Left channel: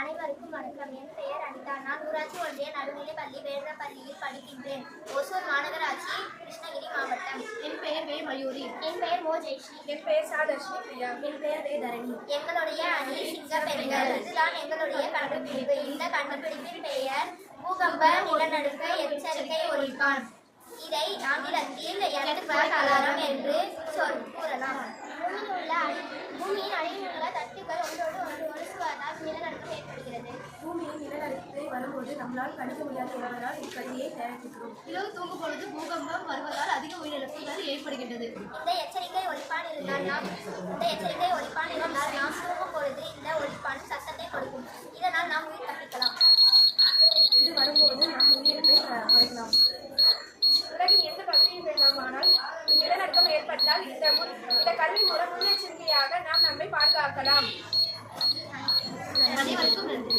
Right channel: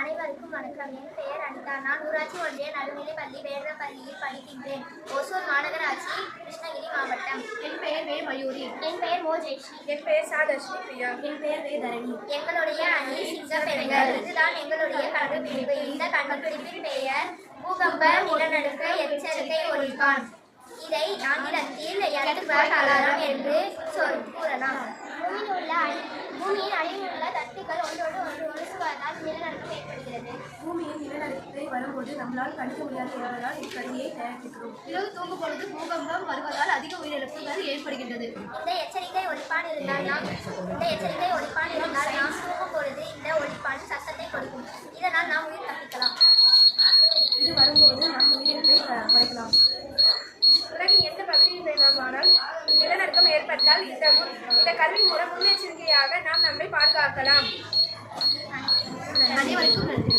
அனைவருக்கும் வணக்கம். என் பெயர் அனிதா. நான் ஊராட்சி ஒன்றிய நடுநிலைப்பள்ளி வேடரப்பள்ளியில் படிக்கின்றேன். ஓசூர் மாநகராட்சி, கிருஷ்ணகிரி மாவட்டம். என் பெயர் வே மயூரி. என் பெயர் மோ ஜெயஸ்ரீ. என் பெயர் சாதர்ஷினி பிரியா. என் பெயர் வே தரணி. எங்களுடைய அணி சிங்க பெண்கள். இதுதான் எங்களுடைய கண்டுபிடிப்பு. இந்த கண்டுபிடிப்பின் பெயர் பூகம்ப நிலநடுக்க எச்சரிக்கை ஒலிப்பான். இதை ஆங்கிலத்தில் எர்த்குவேக் அலாரம் என்று கூறலாம். பூமியின் அடியில் உள்ள தட்டுகள் ஒன்றோடு ஒன்று ஒழுகுவதால் நிலநடுக்கம் ஏற்படுகிறது. பூமியின் நிலநடுக்கத்தை வரும்போது நம்மளால் கணிக்க முடியாது என்பதால் இக்கதையை தயாரிக்கிறோம். இரவு தூங்கும் பொழுது பூகம்பம் வருவதால் அதிக உயிரிழப்புகள் ஏற்படுகின்றது. இந்த எச்சரிக்கை ஒலிப்பான் இருந்தால் நாம் தூங்கும் பொழுது இந்த ஒலிப்பான் சத்தத்தை கொடுக்கும். இதனால் நாம் உயிர் தப்பிக்கலாம். இது வரும்போது நம் உயிரிழப்பை குறைக்கலாம். உலகின் எந்த பகுதியில் வேண்டுமானால் நிலநடுக்கம் ஏற்பட்டால் இந்த கல்வி மூலம் முன்னெச்சரிக்கையாக நாம் நம்மை பாதுகாக்கலாம். அனைவருக்கும் நன்றி.